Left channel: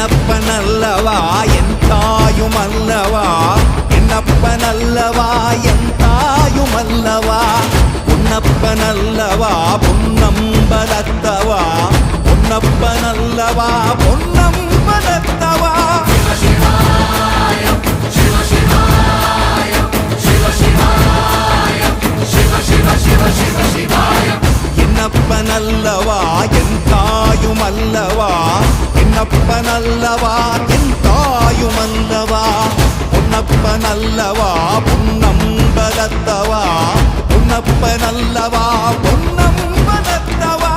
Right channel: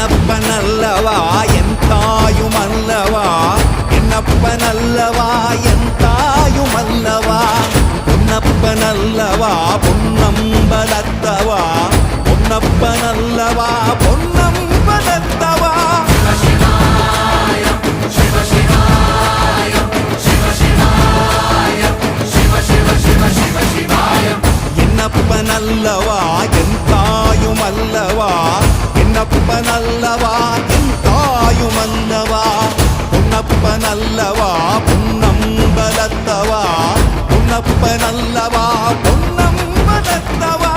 என்னப்பனல்லவா என் தாயுமல்லவா, என்னப்பனல்லவா என் தாயுமல்லவா, பொன்னப்பனல்லவா பொன்னம்பலத்தவா, பொன்னப்பனல்லவா பொன்னம்பலத்தவா. என்னப்பனல்லவா என் தாயுமல்லவா, என்னப்பனல்லவா என் தாயுமல்லவா, பொன்னப்பனல்லவா பொன்னம்பலத்தவா, பொன்னப்பனல்லவா பொன்னம்பலத்தவா.